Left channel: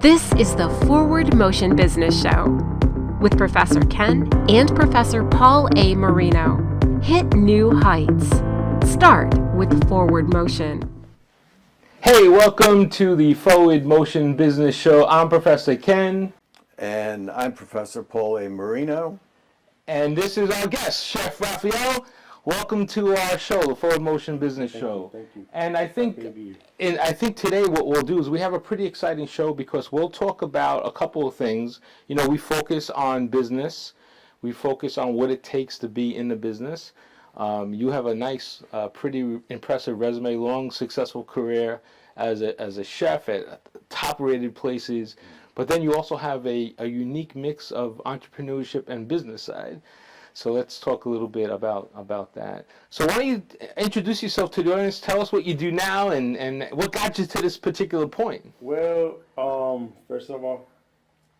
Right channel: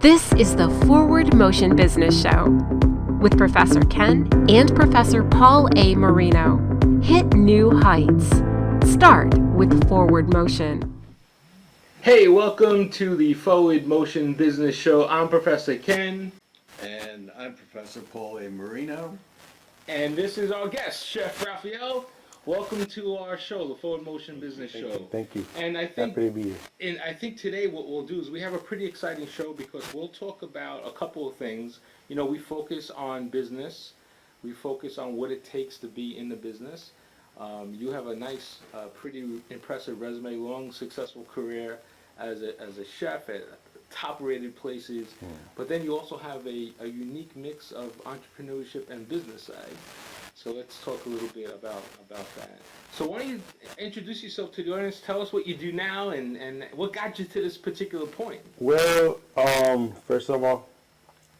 This is the Forward Motion Business Show with Professor Ken and Professor Paul A. Marino. Hit new heights. Start with Forward Motion. Hey, welcome to the Forward Motion Business Show. I'm Professor Ken. And I'm Professor Paul A. Marino. And this is our guest, Chef Rafael. Welcome to our show, the Forward Motion Business Show. Thank you. And I think, today what we'll do is we have a pretty exciting show because we'll talk about a couple of things. You know, we focus on business. We focus on what it takes to be in the business. You have a nice, pretty impressive resume, long, successful career as a chef at top-rated places. But then you also have a unique mix of entrepreneurship and business side. So let's talk a little bit about that. So why don't you introduce yourself to the audience, tell us what you do now, and what got you to this particular point? Well, first of all,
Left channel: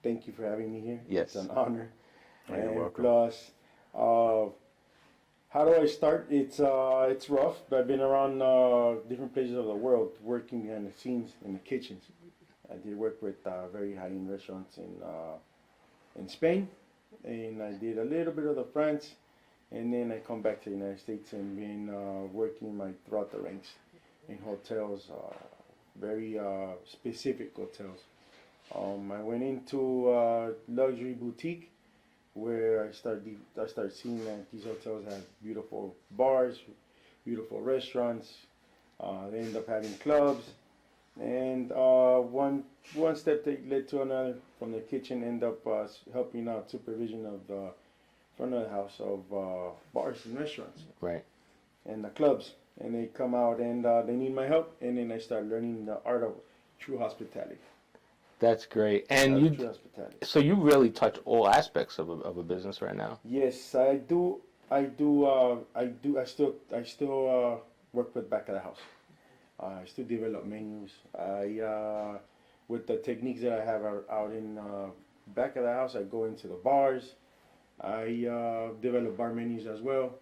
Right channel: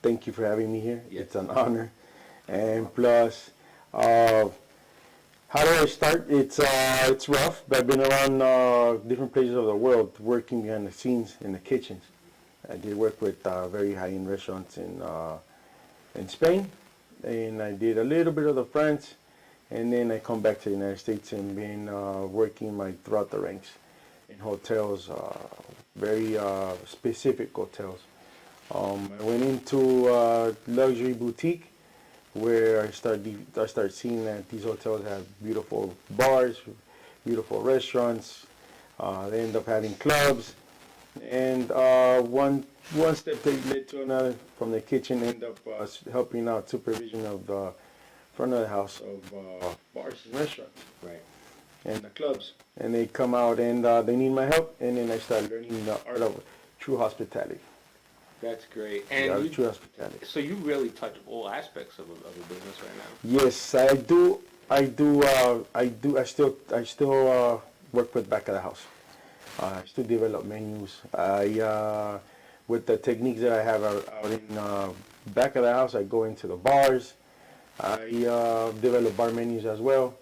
thank you for having me here. Yes. It's an honor. And plus, how do I start? It's rough, but I've been around different places of the world working behind the scenes in the kitchens. I did work with very high-end restaurants in Spain, and I did a little bit of the France, and then I come back to the United States and been working throughout the ranks in hotels, very specific hotels. I went into a luxury boutique where I started seeing that these hotels have beautiful bars, beautiful restaurants. They end up having clubs, and one step led to another. From the kitchen, end up helping out supervision of the front of the house of bars and restaurants, Right. and the clubs. And they come out and they need my help, and then I started learning the art of true hospitality. That's gret. And True hospitality. so you really touch all aspects of a business right now. Yes, I do. I still work with back of the house. I still develop menus. With the techniques that I have out in back of the house, I go into the bars. I develop bar menus as well,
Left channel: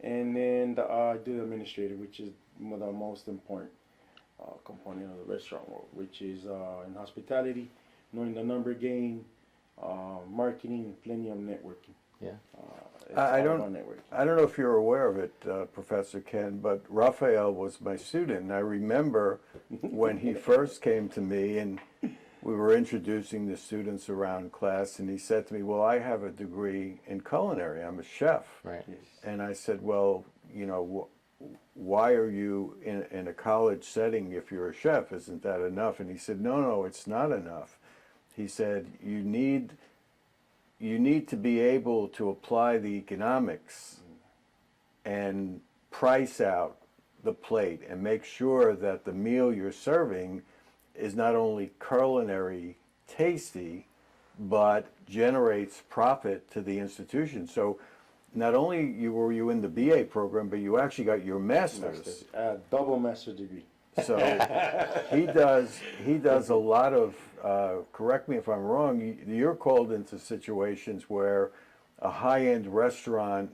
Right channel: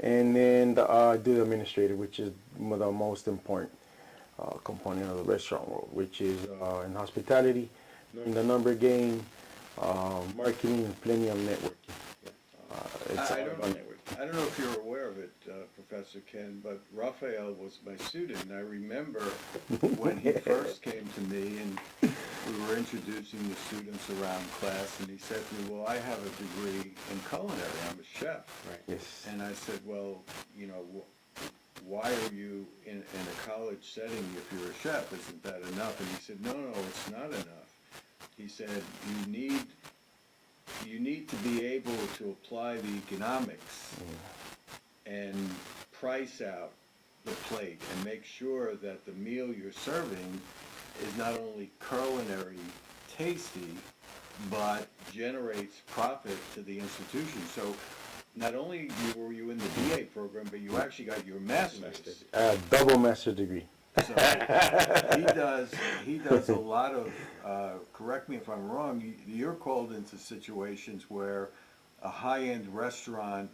and then I do the administrative, which is the most important component of the restaurant world, which is in hospitality, knowing the number game, marketing, and plenty of networking. Yeah. I don't know if you're aware of it, Professor Ken, but Rafael was my student. I remember when he first came to me and we were introducing the students around class, and he said to me, well, I have a degree in culinary. I'm a chef. Right. Yes. And I said, well, you know, why are you in a college setting if you're a chef? Isn't that enough? And he said, no, it's not enough. He said, you need to be able to apply the economics and price out the plate and make sure that the meal you're serving is not only culinary tasty, but generates profit to the institution. So not only were you in the BA program, but you actually got your master's. Double master's degree. So he does a lot of, correct me if I'm wrong, you're called into situations where a high-end restaurant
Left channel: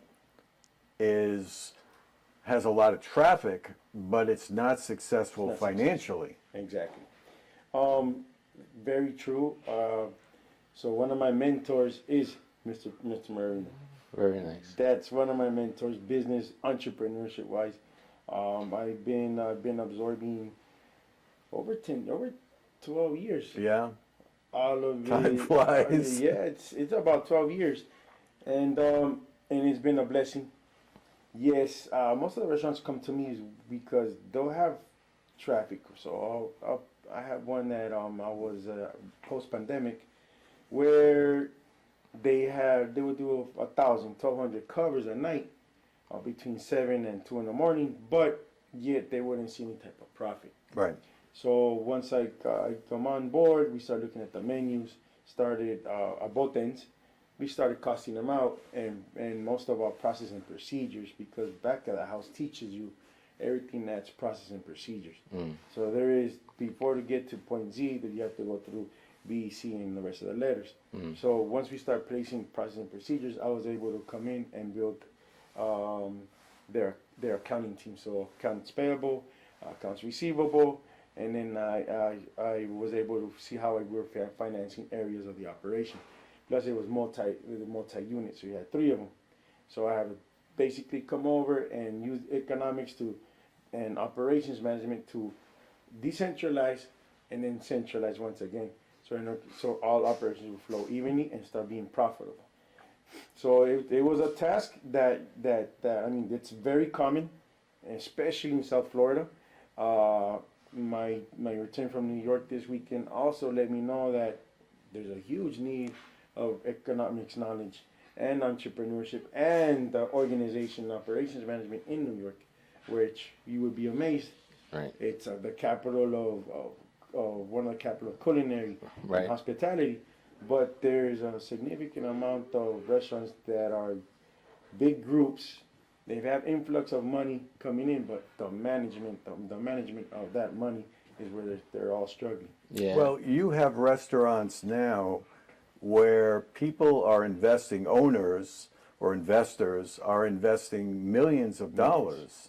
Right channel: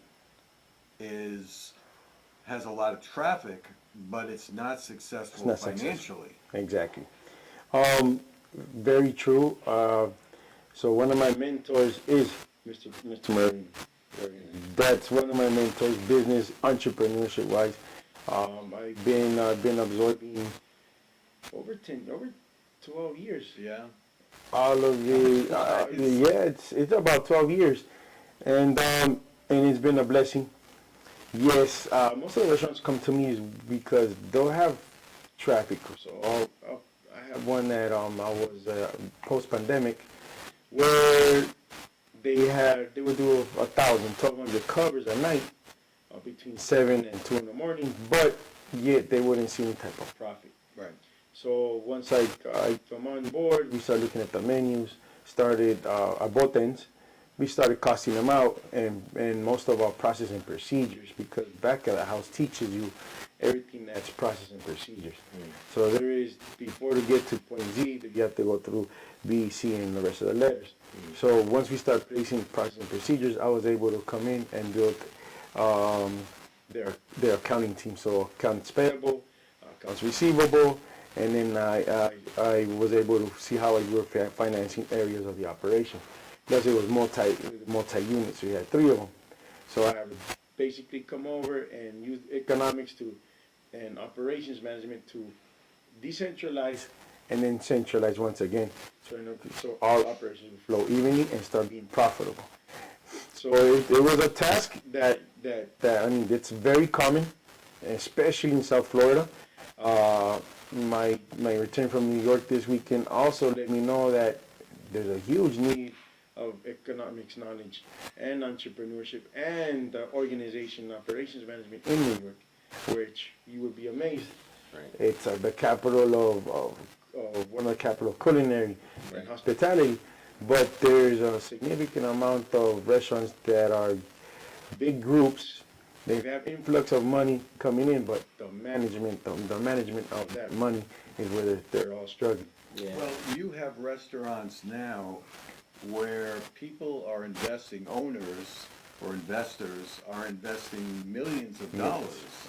has a lot of traffic, but it's not successful financially. Exactly. Very true. So one of my mentors is Mr. Marino. Very nice. That's one of my mentors, business, entrepreneurship wise. I've been absorbing over 12 years. Yeah. All of the it's about 12 years, and it's been a blessing. Yes, most of the restaurants come to me is because they'll have traffic. So I have one that I was post pandemic where they would do 1,200 covers a night between 7 and 2 in the morning, but yet they wouldn't see any type of profit. Right. So once I come on board, we started looking at the menus, started at both ends. We started costing them out and most of our processing procedures, because back at the house teaches you everything that's processing procedures. So there is, before to get to point Z, that you have to go through B, C, and the rest of the letters. So once we start placing processing procedures, I was able to come in and build their accounting team. So accounts payable, accounts receivable, and then I was able to see how I were financing areas of the operation. Plus, it was multi units. We had 3 of them, so I have basically come over and use economics and operations management to decentralize and then centralize once again, so all operations will flow evenly and start being profitable. So it was a task that I mean, it's very common, especially in South Florida. My return from New York this weekend also let me know that there's a huge need of economics knowledge and entrepreneurship and organization and operations management in New York, which you would be amazed. Right. It's the capital of one of the capital of culinary and hospitality, but there's a significant amount of restaurants that are big groups. They have influx of money coming in, but the management of that money is where they're all struggling. Yeah. Well, you have restaurants now where people are investing, owners or investors are investing millions of dollars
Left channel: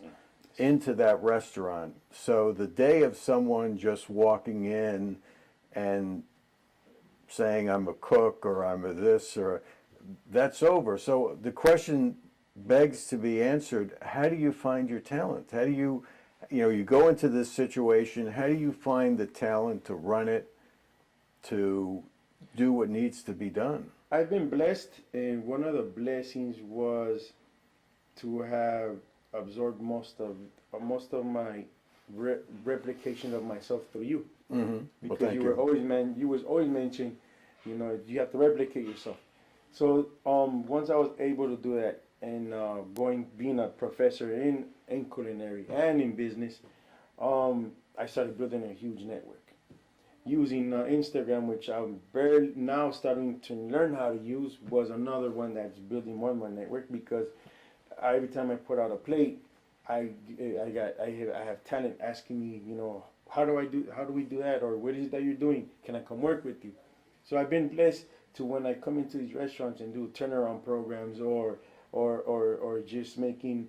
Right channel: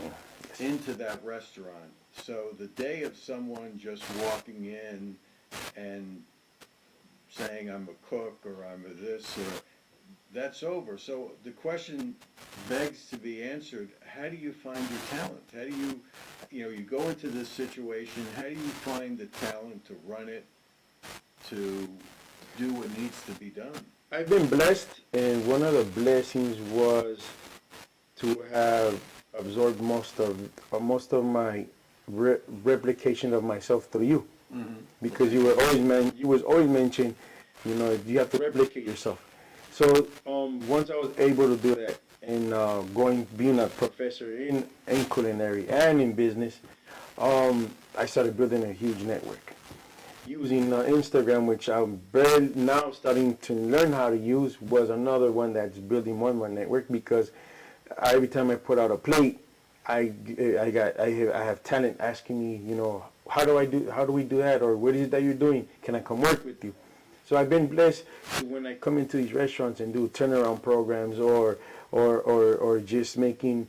into that restaurant. So the day of someone just walking in and saying I'm a cook or I'm a this, that's over. So the question begs to be answered, how do you find your talent? How do you go into this situation, how do you find the talent to run it, to do what needs to be done? I've been blessed, and one of the blessings was to have absorbed most of my replication of myself through you, because you was always mentioning, you have to replicate yourself. So once I was able to do that, and being a professor in culinary and in business, I started building a huge network. Using Instagram, which I'm barely now starting to learn how to use, was another one that's building more and more network, because every time I put out a plate, I have talent asking me, how do we do that, or what is it that you're doing? Can I come work with you? So I've been blessed to, when I come into these restaurants and do turnaround programs or just making,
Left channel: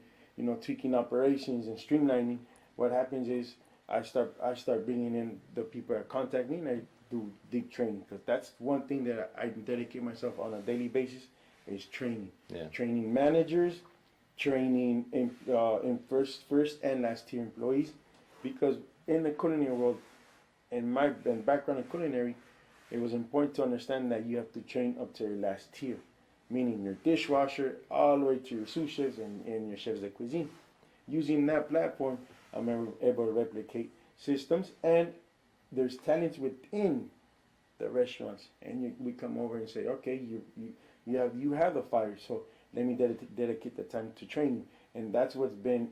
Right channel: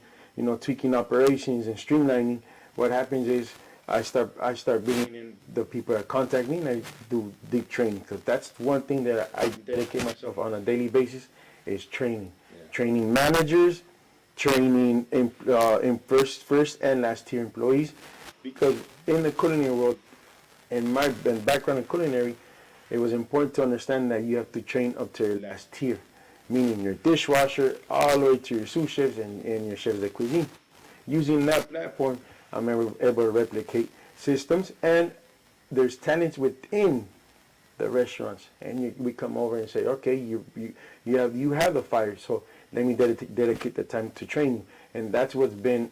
tweaking operations and streamlining, what happens is I start bringing in the people that contact me, and I do deep training, because that's one thing that I dedicate myself on a daily basis is training. Yeah. Training managers, training in first and last tier employees, because in the culinary world, in my background in culinary, it was important to understand that you have to train up to your last tier, meaning your dishwasher all the way to your sous chefs and your chefs de cuisine. Using that platform, I'm able to replicate systems, and there's talents within the restaurants, and we come over and say, okay, you have the fire, so let me dedicate the time to training. And that's I've been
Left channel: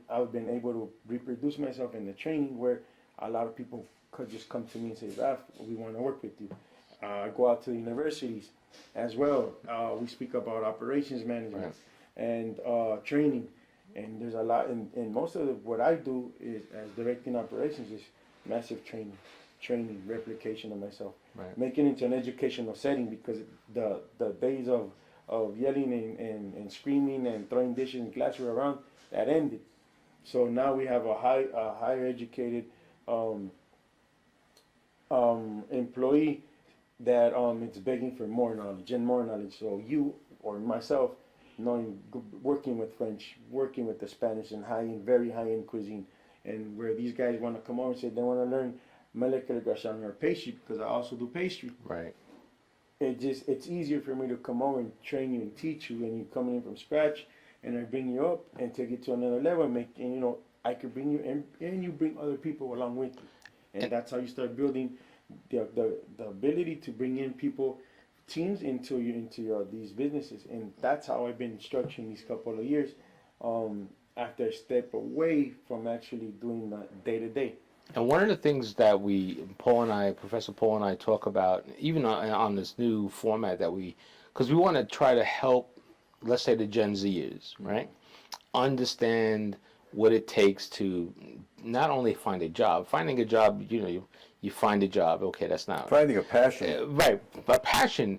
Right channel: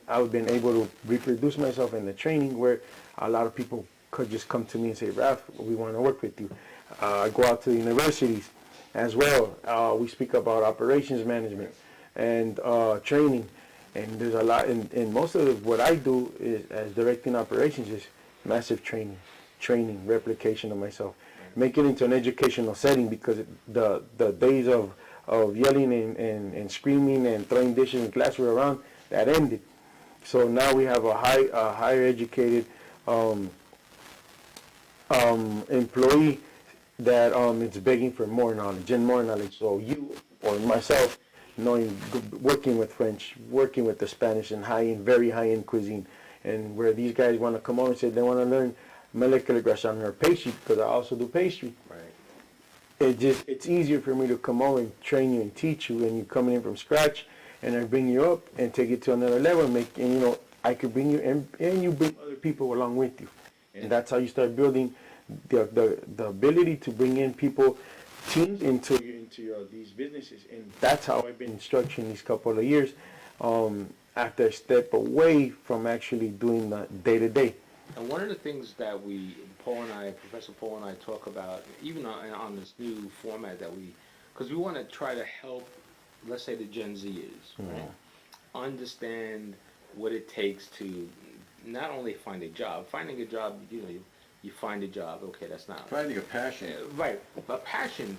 able to reproduce myself in the training, where a lot of people could just come to me and say, Raf, we want to work with you. I go out to the universities as well. We speak about operations management and training. And there's a lot, and most of what I do is, as directing operations, is massive training, replication of myself. Make it into an educational setting, because the days of yelling and screaming and throwing dishes and glassware around, that ended. So now we have a higher educated employee that is begging for more knowledge. So you or myself, working with French, working with the Spanish, and very high-end cuisine, and where these guys want to come over and say they want to learn molecular gastronomy or pastry, because I also do pastry. Right. It's easier for me to come over and train you and teach you, and you coming in from scratch, and I bring you up and take it to another level, and I could bring you, and you bring other people along with you, and that's how you start building the ability to bring in people, teams into these businesses. And that's how I've been structuring these couple of years, after I step away from actually doing the day-to-day. And one of the things that Professor Paul and I talk about, even on this new format because we want to try to help, let's say, the Gen Zers, right, understand what it takes to not only find a job. Finding a job, you find a job, okay, that's not... Finding a passion. Right, but passion.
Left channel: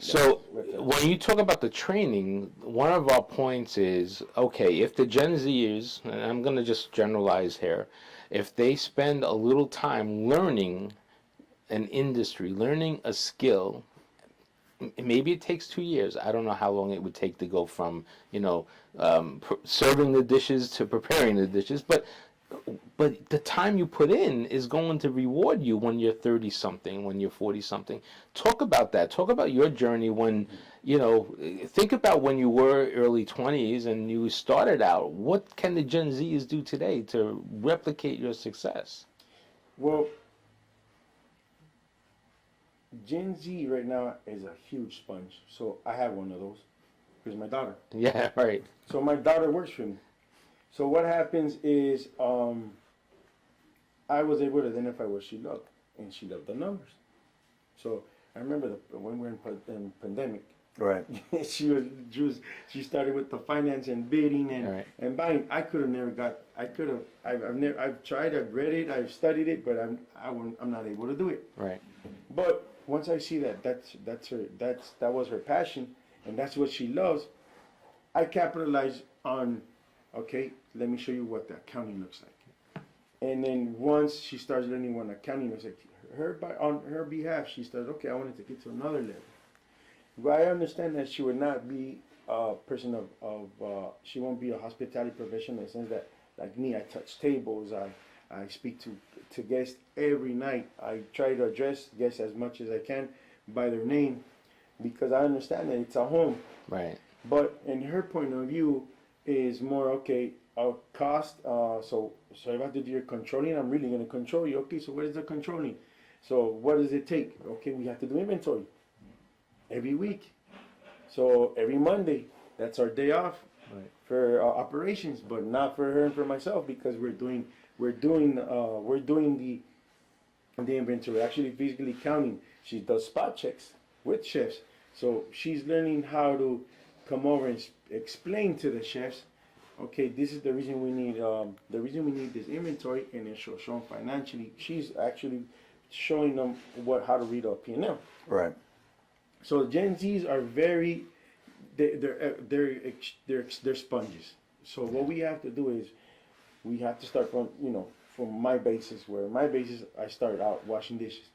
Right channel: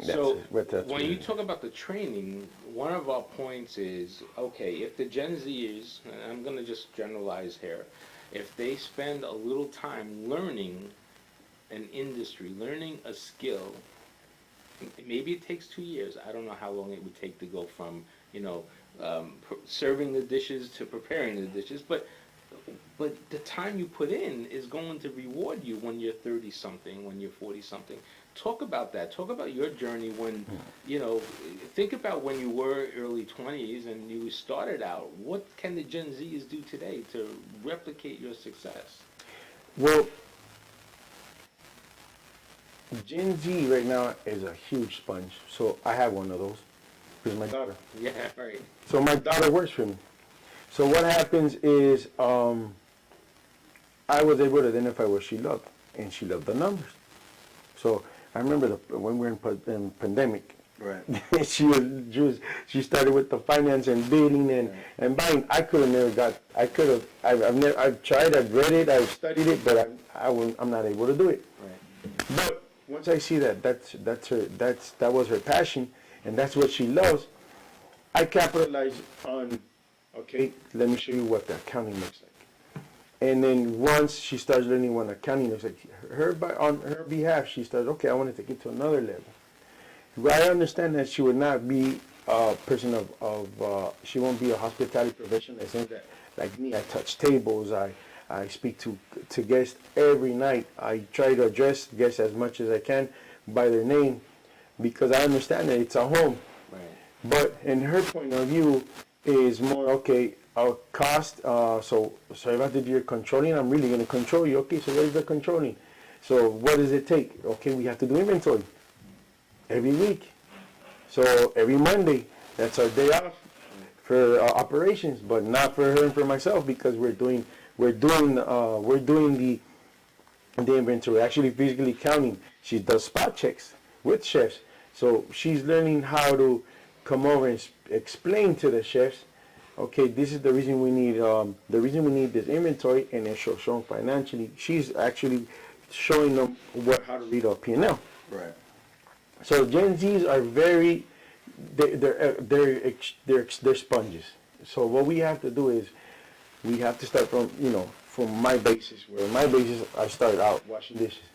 So when you talk about the training, one of our points is, okay, if the Gen Zers, and I'm going to just generalize here, if they spend a little time learning an industry, learning a skill, maybe it takes 2 years. I don't know how long it would take to go from, serving the dishes to preparing the dishes, but the time you put in is going to reward you when you're 30 something, when you're 40 something. Talk about that. Talk about your journey when, think about when you were early 20s and you started out. What can the Gen Zs do today to replicate your success? Well, Gen Z right now is a huge sponge. So I have one of those. Because my daughter. Yeah, right. So my daughter works for me. So what happens is I was able to identify what she loved, and she loved the numbers. So I remember when we were in pandemic, Right. she started with the finance and bidding and buying. I've tried, I've read it, I've studied it, but I'm not able to do it. Right. But once I see that that was her passion, and that's what she loves, I capitalize on, okay, let me show you what the accounting looks like. And then once she starts learning what accounting looks like, on her behalf, she starts, okay, I want to take it to another level. I understand that she would not be a person she won't be a hospitality professional in the sense that, like me, I touch tables, I speak to guests every night. I try to address guests as much as I can by their name because I understand that it's a home. Right. But in her point of view is more, okay, our cost, so if I have to do your controlling, I'm really going to control you. Okay, so where's the controlling? So what does it take? Okay, we have to do inventory every week. So every Monday, that's our day off for operations, but not for her and for myself because we're doing the inventory, actually physically counting. She does spot checks with chefs. So she's learning how to come over and explain to the chefs, okay, this is the reason we need this inventory, and then show them financially. She's actually showing them how to read a P&L. Right. So Gen Zs are they're sponges. So what we have to do is we have to start from my basis. Where my basis, I started out washing dishes.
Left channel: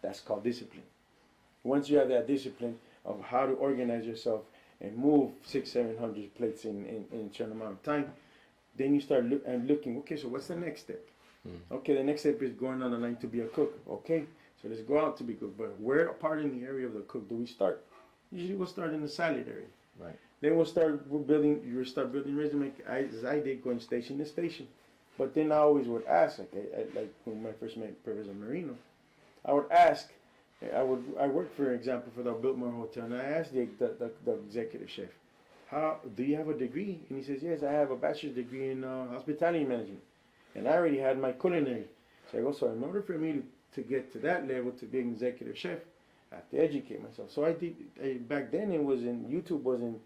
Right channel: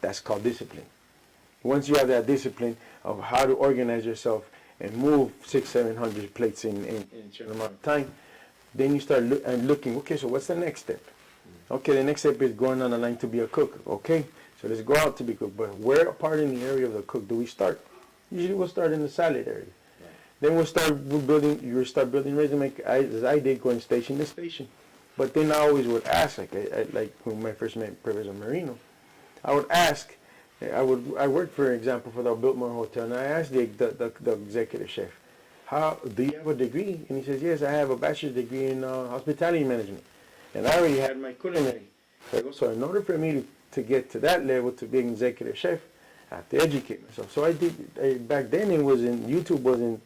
That's called discipline. Once you have that discipline of how to organize yourself and move 600-700 plates in a certain amount of time, then you start looking, okay, so what's the next step? Okay, the next step is going on the line to be a cook. Okay, so let's go out to be cook. But where part in the area of the cook do we start? Usually we'll start in the salad area. Right. Then we'll start building resume, as I did, going station to station. But then I always would ask, like when I first met Professor Marino, I would ask, I worked, for example, for the Biltmore Hotel, and I asked the executive chef, do you have a degree? And he says, yes, I have a bachelor's degree in hospitality management. And I already had my culinary. So in order for me to get to that level, to be an executive chef, I have to educate myself. So I did, back then YouTube wasn't,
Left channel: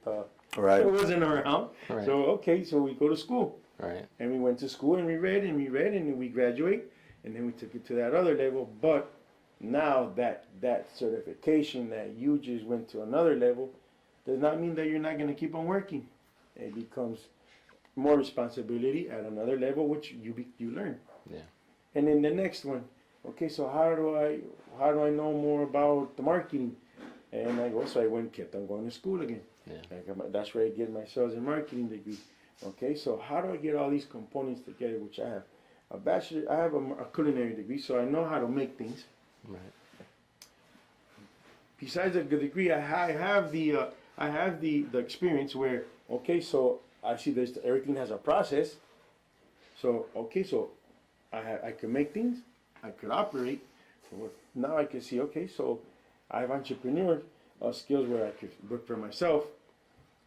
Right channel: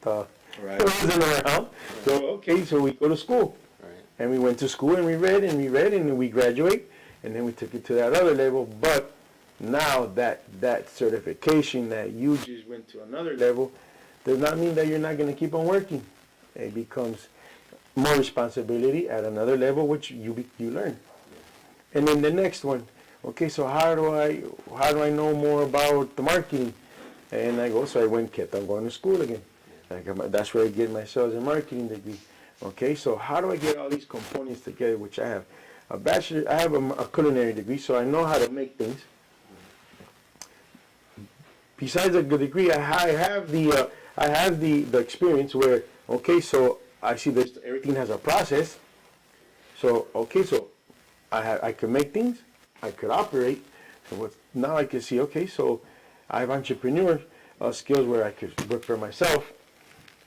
Right. it wasn't around. Right. So, okay, so we go to school. Right. And we went to school and we read and we graduate, and then we took it to that other level. But now that certification that you just went to another level does not mean that you're not going to keep on working. It becomes more responsibility at another level, which you learn. Yeah. And then the next one, okay, so how do I know more about the marketing? And I kept on going to school again. Yeah. That's where I get my sales and marketing degree. Okay, so how do I get all these components together, which I have a bachelor, I have a culinary degree, so I know how to make things. Besides the degree, I have the experience where, okay, so I see this, everything has a process. So, okay, so I could make things, I could operate. So now I can see, okay, so I have entrepreneur skills where I could work for myself.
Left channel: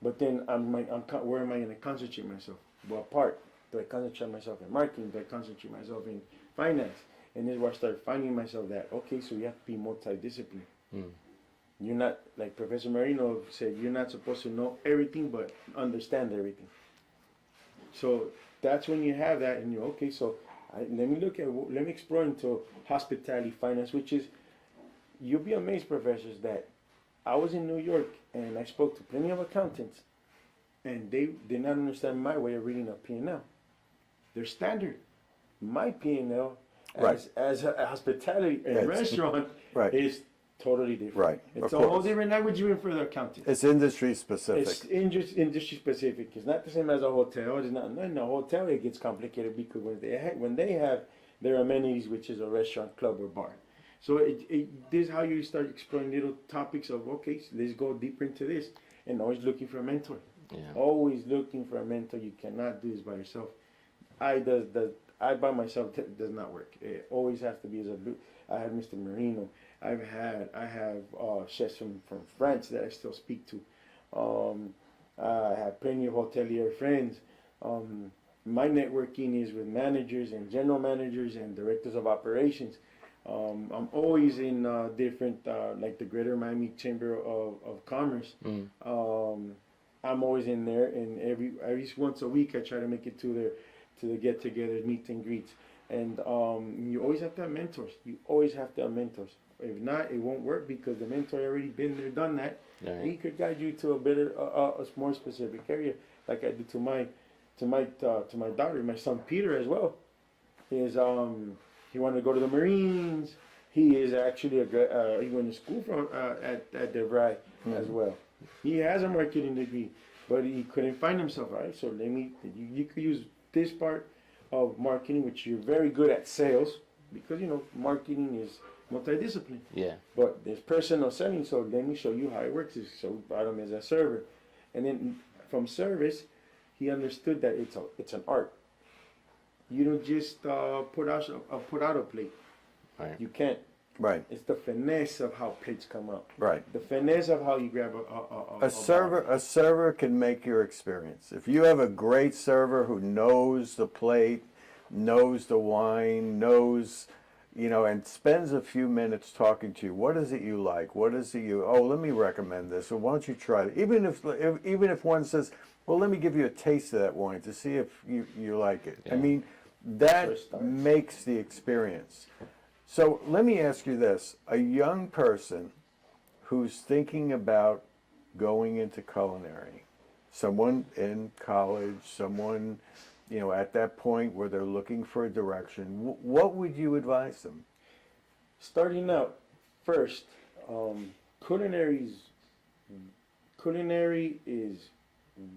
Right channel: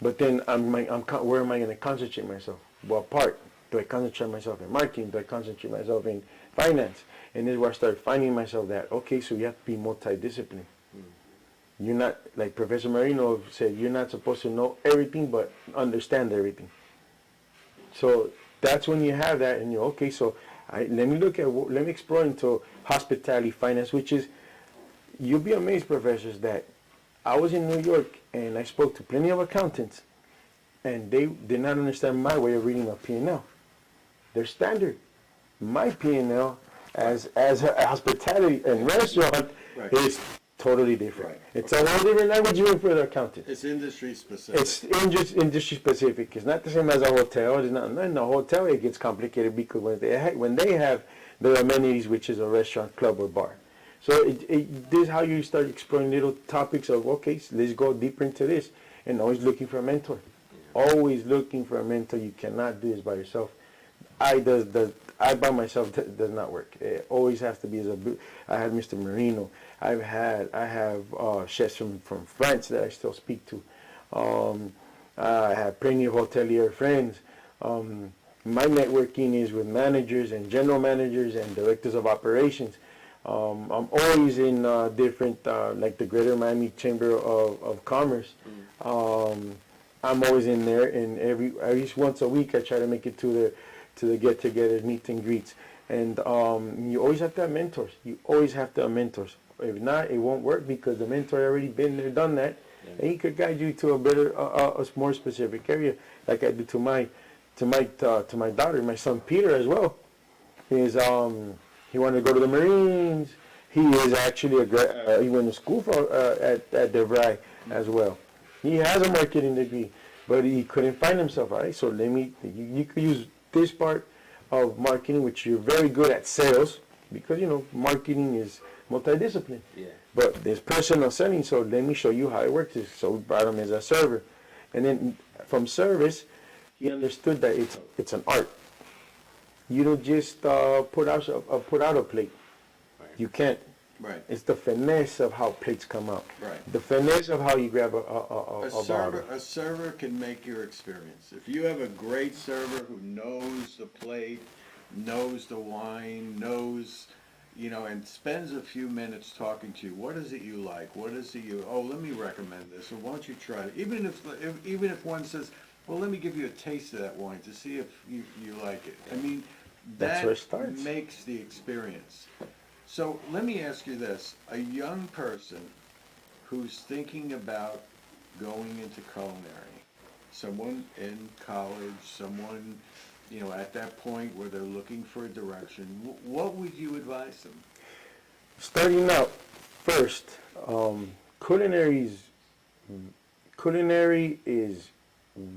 But then where am I going to concentrate myself? What part? Do I concentrate myself in marketing? Do I concentrate myself in finance? And then where I start finding myself that, okay, so you have to be multidisciplinary. You're not, like Professor Marino said, you're not supposed to know everything, but understand everything. So that's when you have that, and you're, okay, so let me explore into hospitality finance, which is, you'll be amazed, professors, that I was in New York, and I spoke to plenty of accountants, and they did not understand my way of reading a P&L. They're standard. my P&L as a hospitality and restaurant is totally different. Right. It's a whole different language even for the accountants. It's industry specific. It's industry specific. It's not the same as a hotel. It's not in a hotel. It gets complicated because when they have their amenities, which is a restaurant, club, or bar. So this is how you start exploring little topics of, okay, so let's go deeper into this, and always looking for a mentor. Yeah. Always looking for a mentor. You cannot do this by yourself. I by myself does not work. It always has to be as a. I had Mr. Marino. I have chefs from France that I still speak to. I have plenty of hotelier friends. My networking is with managers and general managers and directors of operations. I'm always in different, like the Greater Miami Chamber of Commerce. I'm always in there, and at least once a week I try to make it to the get-togethers, meet and greets. And you always have to have mentors. You always have to have mentors. If not, it won't work because the mentor already been there, done that, and he could guide you to a better, a more specific area, like I did to my daughter, my son Peter as well. He wanted to go to the Marines. He is actually he went to school at DeVry as well. He has a marketing degree, but he couldn't find himself. All right, so you could use this part of marketing, which you're very good at sales, because marketing is multidiscipline. Yeah. But there's personal selling, so let me show you how it works. So we brought him as a server, and then from service, he understood that it's an art. You don't just put out a plate. Right. You can't. Right. It's the finesse of how plates come out. Right. The finesse of how you grab a server. A server can make your experience. If you have a great server who knows the plate, knows the wine, knows, and spends a few minutes talking to you. What is it you like? What is it let me recommend this, or why don't you try it? Even if one says, well, let me give you a taste of that wine to see if you like it. Yeah. I mean, that makes the experience. So let me ask you this. A young person who's thinking about going into culinary, someone in college, someone, at that point where they're looking for a direction, what would you advise them? Starting out, first, culinary is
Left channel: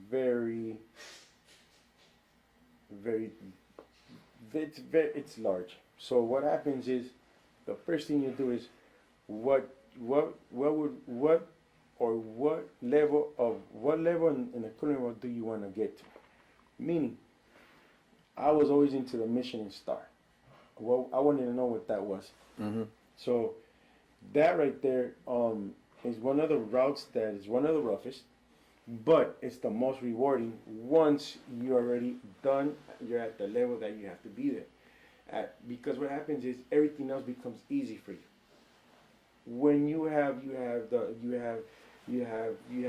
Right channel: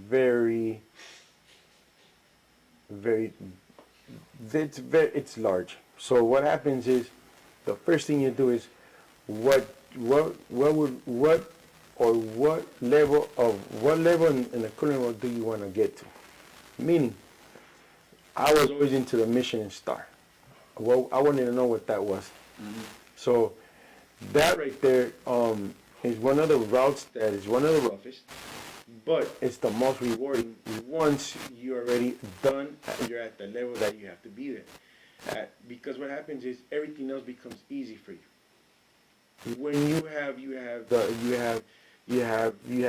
very, very, it's large. So what happens is, the first thing you do is, what level in the culinary world do you want to get to? Meaning, I was always into the Michelin star. Well, I wanted to know what that was. Mm-hmm. So that right there is one of the routes that is one of the roughest, but it's the most rewarding once you're already done. You're at the level that you have to be there. Because what happens is everything else becomes easy for you. When you have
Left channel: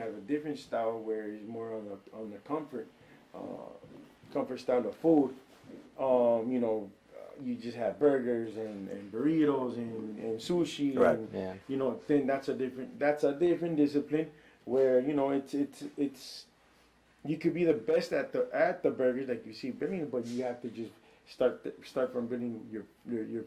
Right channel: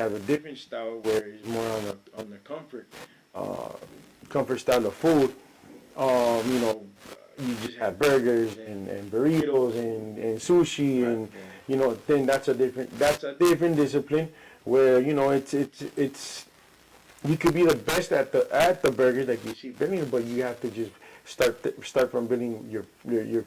a different style where it's more on the comfort style of food. You just have burgers and burritos and sushi, right. And then that's a different discipline where it's you could be the best at the burgers that you see building, but you have to just start from building your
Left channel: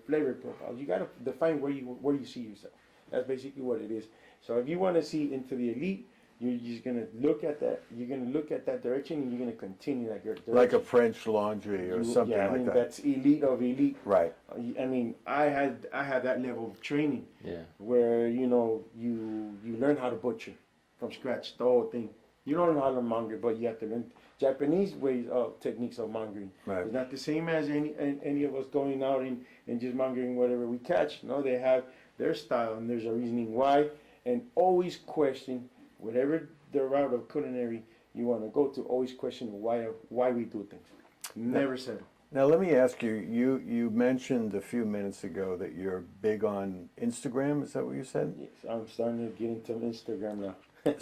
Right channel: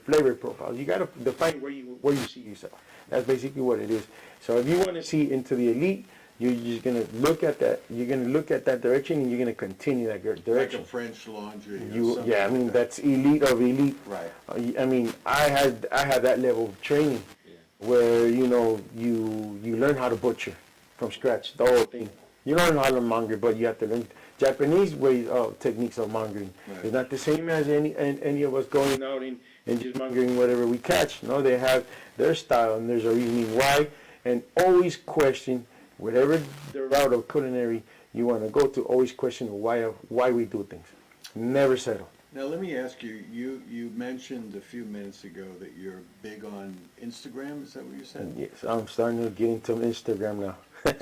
flavor profiles. You got to define where you see yourself. That's basically what it is. So if you want to see into the elite, you're just gonna look at that. You're gonna look at that direction, and you're gonna continue that direction. Like a French Laundry or something. Yeah, I mean that's elite of elite. Right. I mean, I had that level of training. Yeah. Where you learn how to butcher from scratch the whole thing. You learn how to monger, but you have to learn Japanese ways of techniques of mongering. Right. It's not the same as any of us going out and just mongering whatever we catch. No, they have their style, and there's a reasoning why. And always question, whatever the route of culinary you want to go to, always question why we do things. Never settle. Now let me ask you, you mentioned a few minutes ago that you're big on Instagram, is that what you said? Yes, I'm starting to get into Instagram now.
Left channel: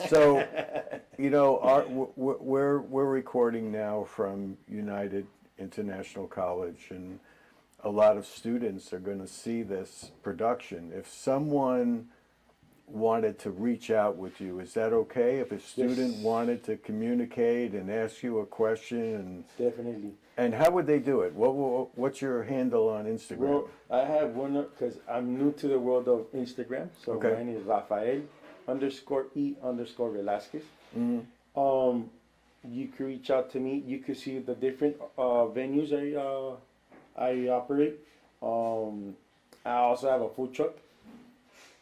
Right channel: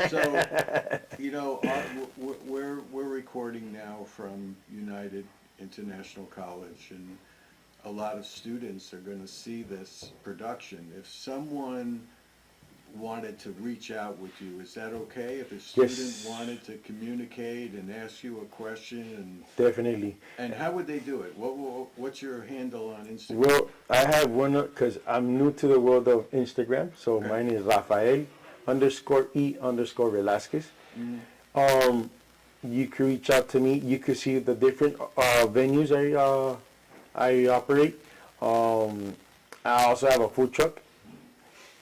So, we're recording now from United International College, and a lot of students are going to see this production. If someone wanted to reach out with you, is that okay? If a student wanted to communicate and ask you a question, Definitely. and how would they do it? What's your handle on Instagram? Well, I have one because I'm new to the world of Instagram. So Okay. mine is Rafael_E_Velasquez. You can reach out to me. You can see the different venues I operate. I also have a food truck.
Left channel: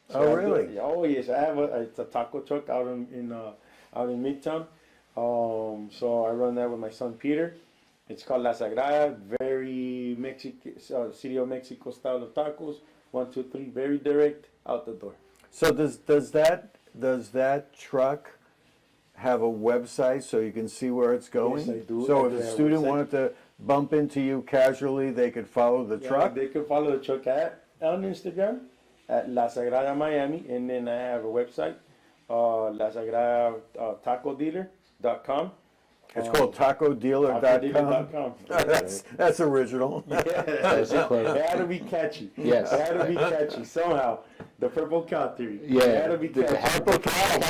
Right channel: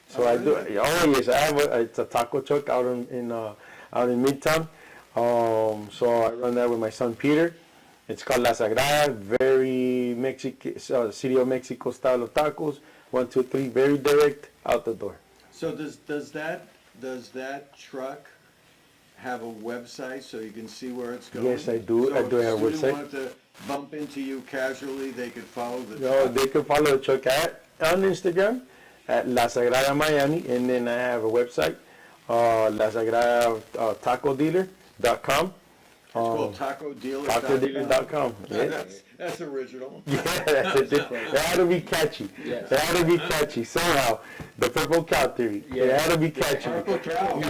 So really? Yes, I have it's a taco truck out in Midtown. So I run that with my son Peter. It's called La Sagrada, very City of Mexico style of tacos. 1, 2, 3, very direct out the door. So does that truck have a website so you can see where it's going? Yes, I do. So I do if a have a student website. wanted to bump into you casually, they could follow the truck? They can follow the truck on Instagram at La Sagrada Miami, and then I have a website, La Sagrada TacoDealer.com. It's called TacoDealer.com. TacoDealer.com. That's original. It had to be catchy. Yes. It had to be catchy somehow. The purple cow theory. Yeah. It had to be catchy. Purple cow.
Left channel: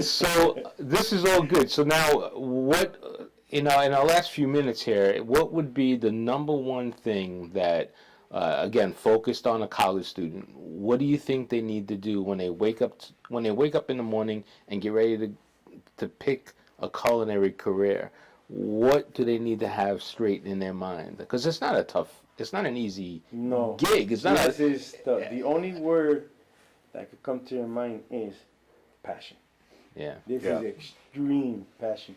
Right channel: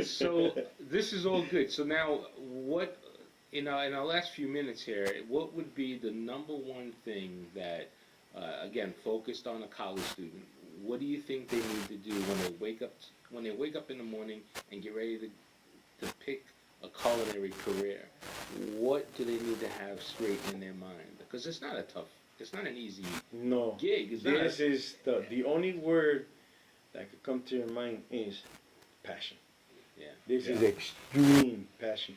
So this is all good. So now, what in our last few minutes here, what would be the number one thing that, again, focused on a college student? What do you think they need to do when they wake up in the morning and get ready to pick a culinary career? What do they need to have straight in their mind? Because it's not an easy gig. It's not. The only word that could come to your mind is passion. Yeah. This is extreme passion.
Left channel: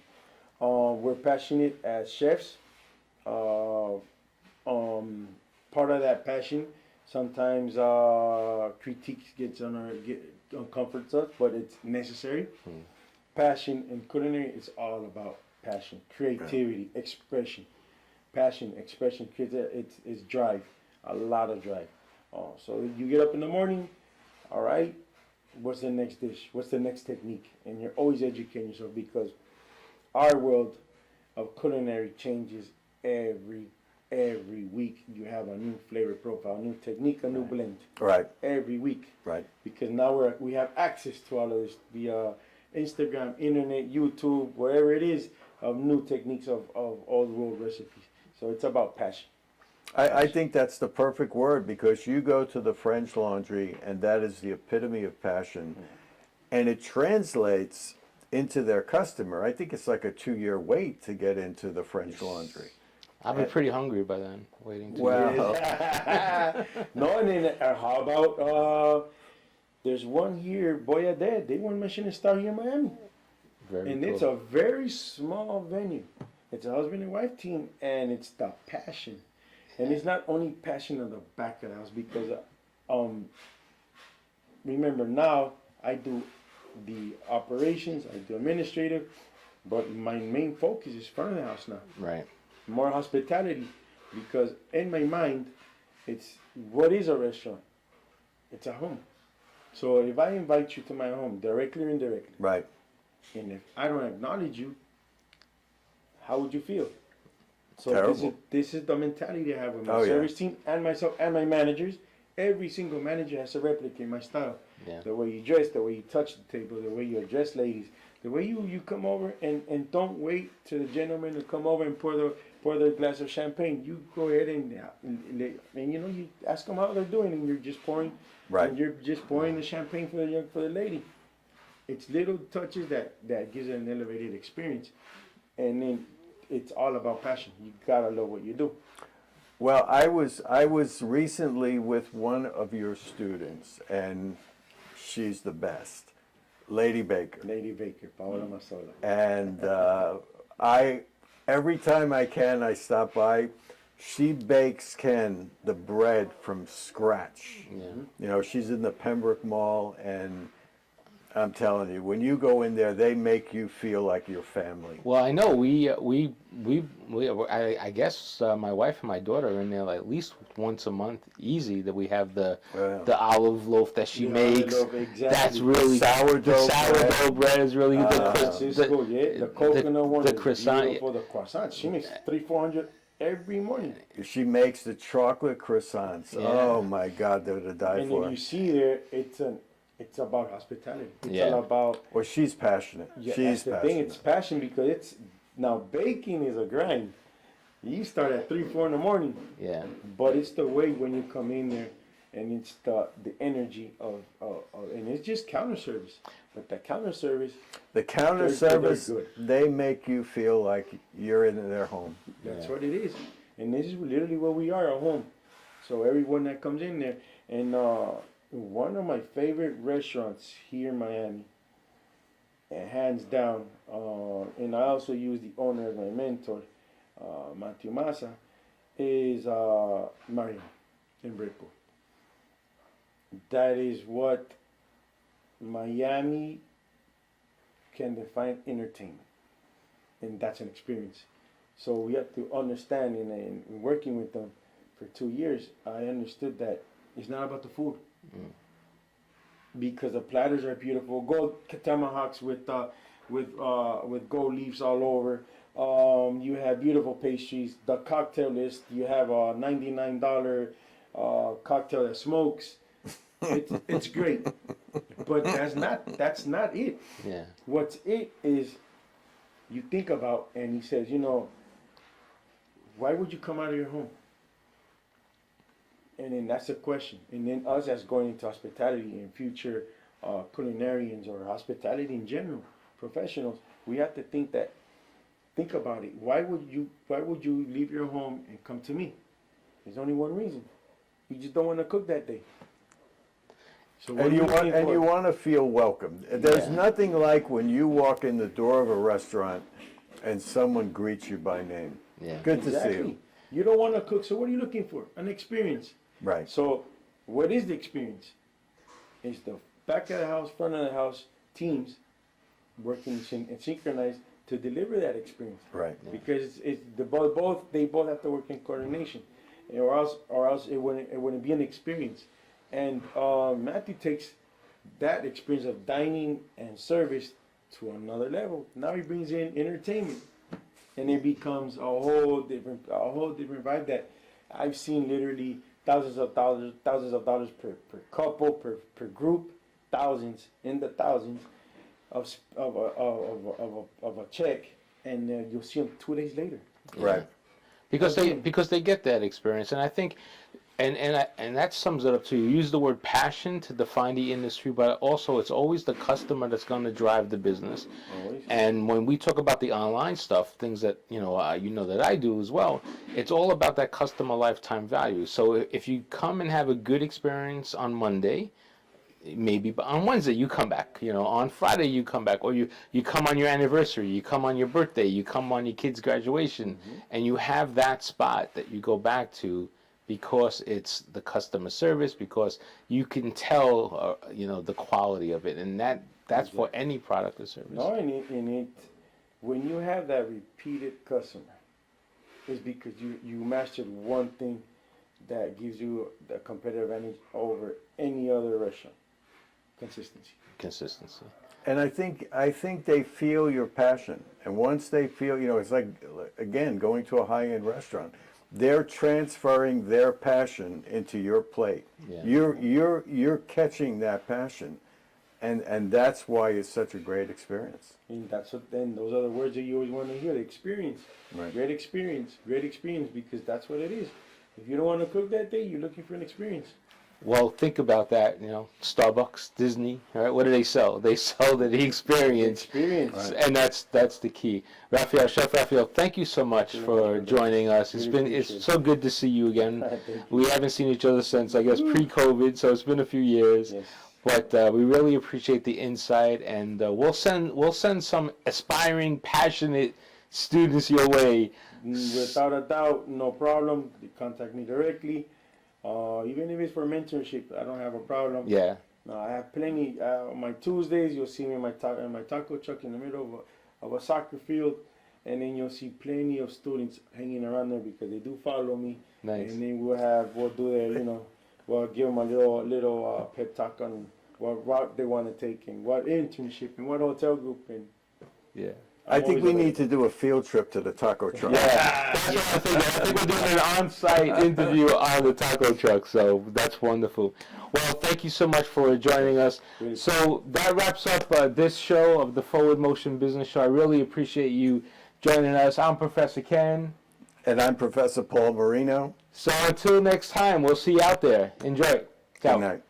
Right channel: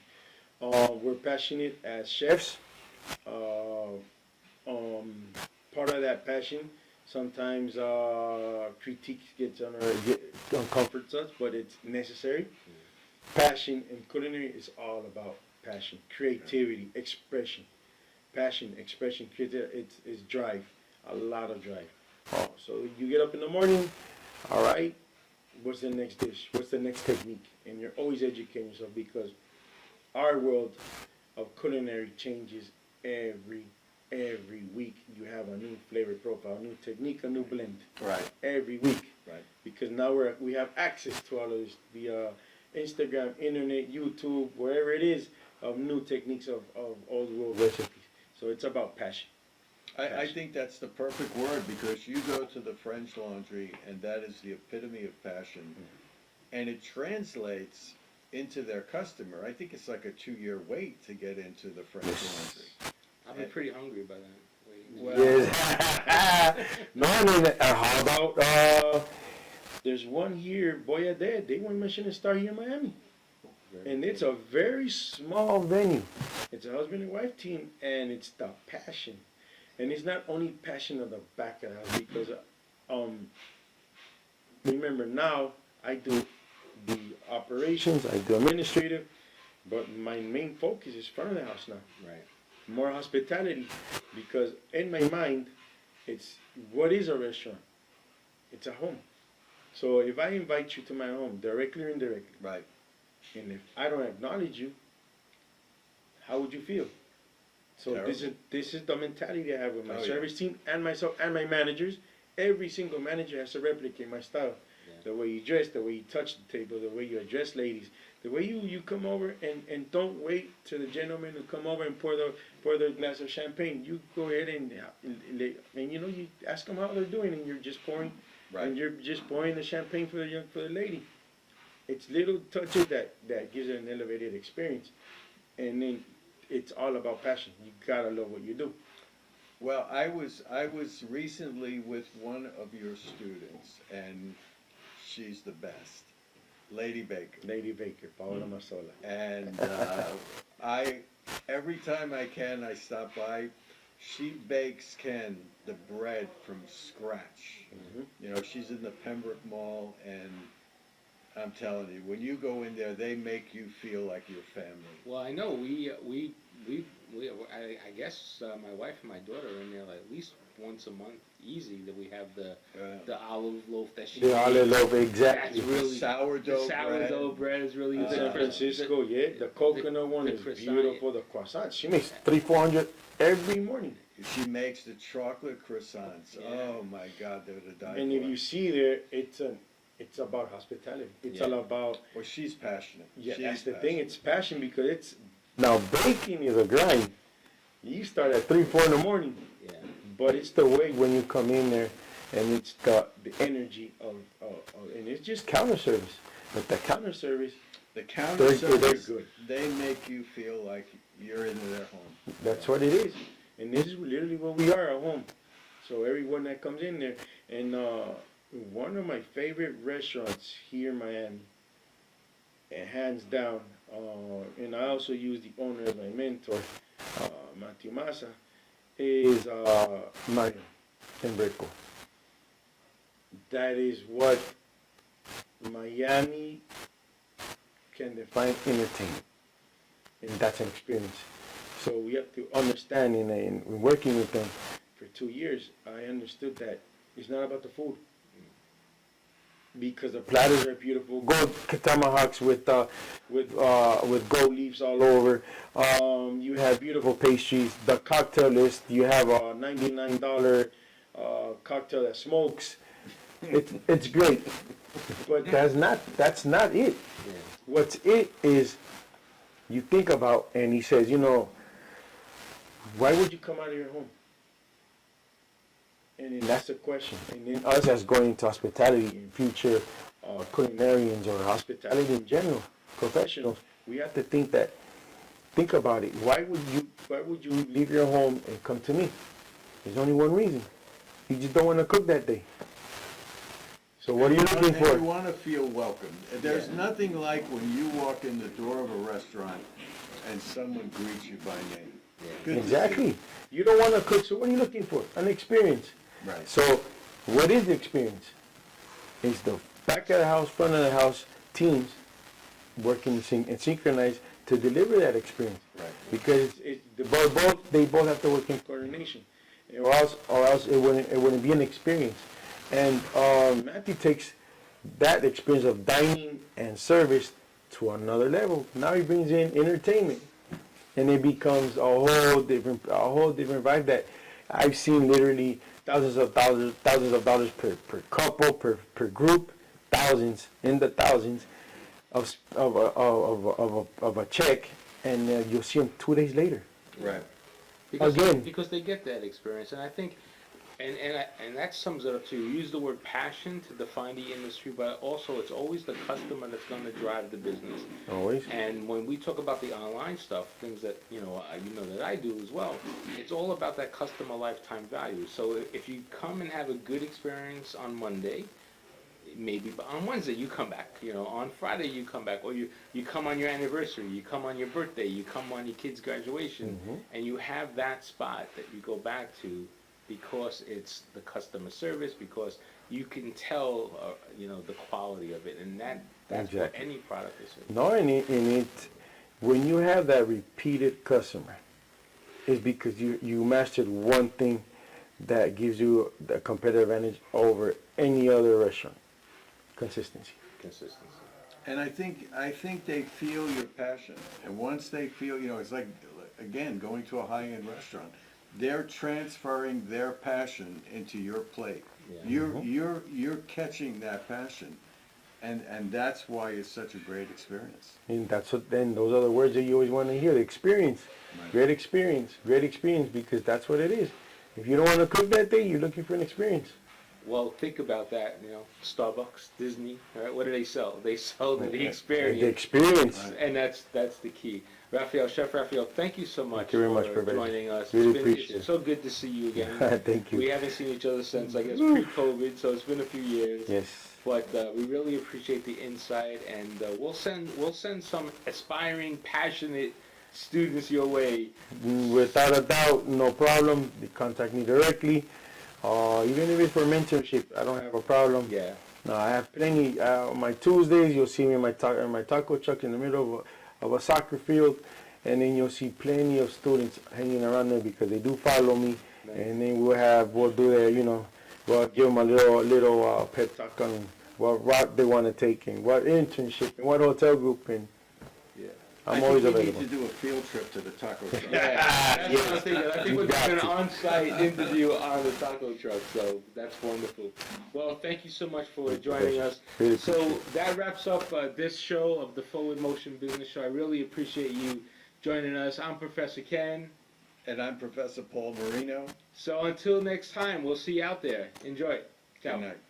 We're passionate as chefs. Part of that passion, sometimes critiques get uncomforts us, but it's necessary. Passion in culinary is all about passion, creativity, expression. Passion, expression, creativity. It's drive, a lot of drive. So you get up in the morning, all right. What's the next dish? What's the next technique? And you're always educating yourself because our world of culinary changes every week. You have a new flavor profile, a new technique, a new blend. Right. Every week. Right. Because now we have access to all of this via Instagram, internet, YouTube, wherever it is, of new techniques of old world recipes. So it's about passion. I think that's the perfect word because you go to the French Laundry and that is the epitome of passion. And it translates into their customer. I think it's like a 2-year wait to get into the French Laundry. I'll be pretty hungry by then, waiting to No, I mean, how about, there's one here, Boyadad, they won Michelin Star here in Miami. It's a very small venue. It's a husband and wife team, and it's the passion. And it's not only passion in the back of the house, because, remember now, I do the operations, I do administrative, but my main focus is front of the house now. Right. More hospitality, because in my mind, it's what is a restaurant? It's a home. So if I invite you to my home, directly or indirectly, Right. and if I don't acknowledge you, how would you feel? So Terrible. this is the mentality I have with my Oh, yeah. service team and myself and my managers. Every single manager has to replicate my style. Yeah. The way you dress, the way you touch the table, the way you address ladies, the way you come over and don't wait to the gentleman to come over and pour their glass of champagne. You go ahead and you know, you ask them how they're doing, and you're just pouring, Right. and you're just pouring the champagne for the lady. It's little touches that gives it an elevated experience, and then it's all about passion. You gotta love what you do. Well, I was recently with one of your students, and she's the best, Lady Baker. Lady Baker, Paola Masola. And every time I can, I stop by. She bakes Ken the bread from scratch. Yeah. You know, she's in the Pembroke Mall, and I'm telling you, when you go in there, they make you feel like your family. Well, I know I guess my wife and my daughter are in there like at least once a month, easy. That we have the olive loaf that she makes. Olive loaf, exactly. That's really Sourdough bread is really good. Francisco, the coconut one the is croissant. beautiful. The croissant, she makes 300-400 every morning. She makes the chocolate croissants. Yeah. Oh my God, they're to die And for. if you see there, it's about hospitality. It's Yeah. all about, Well, she's passionate. yeah, She's that's the passionate. thing. It's passion because it's, now baking is a grind. You start at 3, 4 in the morning, Yeah. but it's the way when you come in there, and it's the energy of and it's just counter service. But the counter service, The counter They're service, good. they make you feel like you're in their home. that's what it is. And this is literally what we are at home. So everyone that comes in there, and one of my favorite restaurants here in Miami, and hands down, and I also use the owner as my mentor, Matthew Massa, is Marino in Brickell. That is what Miami can define entertainment, and that's an experience. So we have to understand, in working with them for 2 years, I understood that it's not about the food. Because the platters are beautiful, gold tomahawks with gold leaves all over. You have beautiful pastries. The cocktail list, you have a $99 cocktail that smokes. It's great, but that's not it. Yeah. What's it is, you think about, and he says, why would you come out of your home? And then that's the question. And then us as going into hospitality in future culinarians or hospitality in general, professionals, we have to think about it. Why would you leave your home and come to me? There's only one reason. You just don't want to cook that day. So what are you looking And you for? want to feel welcome. There's Yeah. nothing like when you walk in the door of a restaurant and someone greets you by name. Yeah. Good to see Exactly. you. You don't want to cook, so what are you looking for? An experience. Right. So, what is the experience? It's the back of the house, front of the house teams working and synchronized to deliver that experience. Right. Because they both have to work in coordination, or else it wouldn't be an experience. And Matthew takes that experience of dining and service to another level. Now he brings in entertainment, and it becomes a whole different vibe that I've seen literally thousands of dollars per couple, per group, thousands of a check, and you'll see them 2 days later. Right. Because Again. because they get that experience, and I think, and that sums it up too. You use the word passion to define the industry, but also it's always the customer that's going to drive the business. Always. And when we talk about the online stuff, things that that I do as well, it's all about that customer lifetime value. So if you come and have a good experience on Monday, maybe on Wednesday you come back, on Friday you come back, or you come on your anniversary, you come on your birthday, you come on your kid's graduation, and you have that spot that you go back to because it's the customer service, because you can tell, the quality of it, and that's for Exactly. any product or service. No, and when you have that repeated customer, it's because you mastered one thing that gives you the competitive advantage over any other restaurant. Consistency. Consistency. And I think they feel your passion. And once they feel, it's like, again, going to a high-end restaurant. They're transferring their passion into your plate. Yeah. You're catching that passion. And that's why it's such a great experience. And those are the words that you always want to hear. Experience. Right. Great experience, because that's what it is. If you don't want to cook that day, you're looking for an experience. Well, think about that, Starbucks, Disney, right? What do they sell? They sell the experience. The experience. And that's the key. Rafael, Chef Rafael, thank you so much Very for much, Roberto. joining us. Really It's appreciate it. so good to see you again. Thank you. We haven't seen each other since, I guess, pre-COVID, so it's been a few years. Yes. But we really appreciate the insight, and we'll send some aspiring, passionate students your way. Without a doubt, no problem. They contact me directly. Even if it's for mentorship, I don't have a problem. Yeah. No, I have plenty. On my Tuesdays, you'll see me in my taco truck in the middle of a soccer field, and then you'll see plenty of students hanging around there because they do follow me. Nice. And then we'll do that, we'll give them a little pep talk on what route they want to take and what internship and what hotel group and Yeah. I think we need to do a field trip to the taco truck. I think we're doing an on-site interview on the taco truck, so that's wonderful. Well, thank you so much for joining us. So that wraps up this show of the Forward Motion Business Show. I really appreciate you joining us. I'm Professor Ken. And I'm Professor Paul Marino. So until next time, we'll see you out there. Enjoy. Ciao. Good night.